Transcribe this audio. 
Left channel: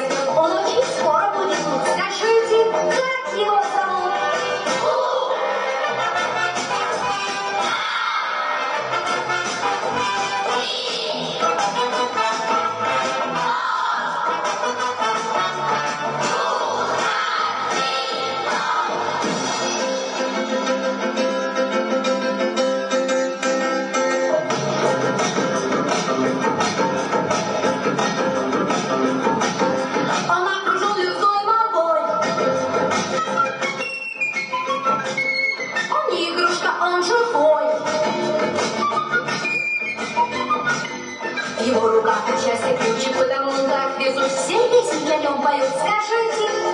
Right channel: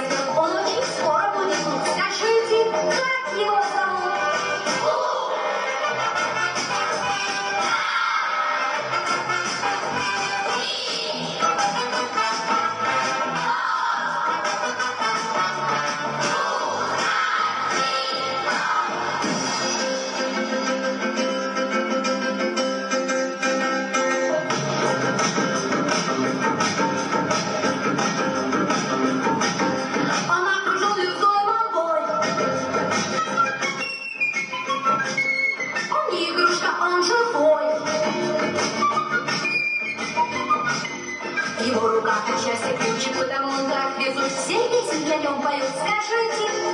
растет, он очень скоро будет тут. Скажите, как его зовут? Он окружен лесной молвой. Он не игрушка, он живой. В его руках счастье ключик, потому он так везут. Все песни о нем поют. Скажите,